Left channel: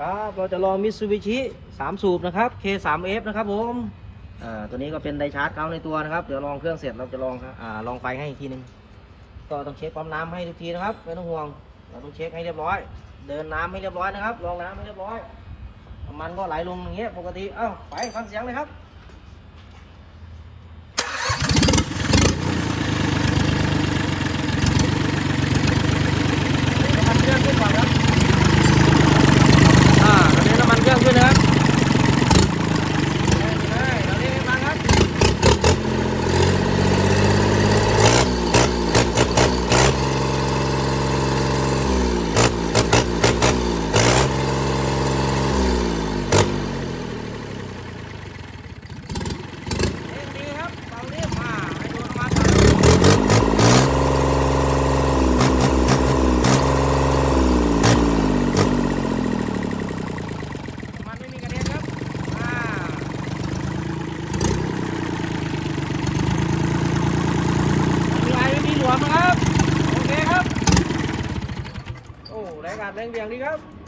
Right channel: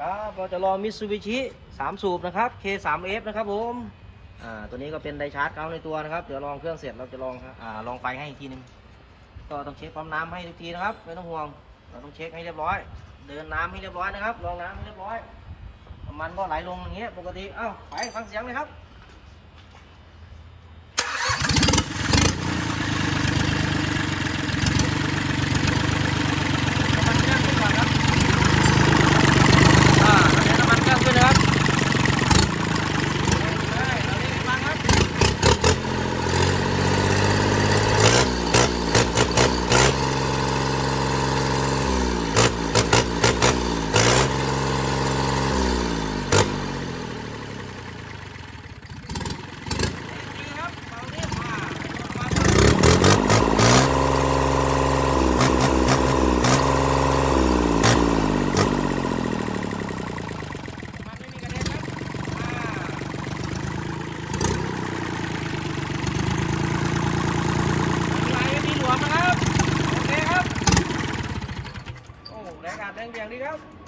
ครับเราจะลองมิตซูบิชิสามสูบนะครับ K3F นะครับผมอ่าตัวนี้ก็เป็นไดชาร์จเขาในตัวนะครับ เดี๋ยวลองเครื่องเสร็จเราจะลองอ่าลองไฟให้อีกทีหนึงก็ต้องเช็คความน้ำให้อีกทีนะครับไม่ต้องห่วงเราต้องเช็คให้เรียบร้อย เดินน้ำให้เรียบร้อยนะครับลองน้ำให้เรียบร้อย มันก็ไหลลงอย่างเงี้ยปกติเอ้าไปฟังเสียงเลยครับ วยงาเแรงเดียงดีครับ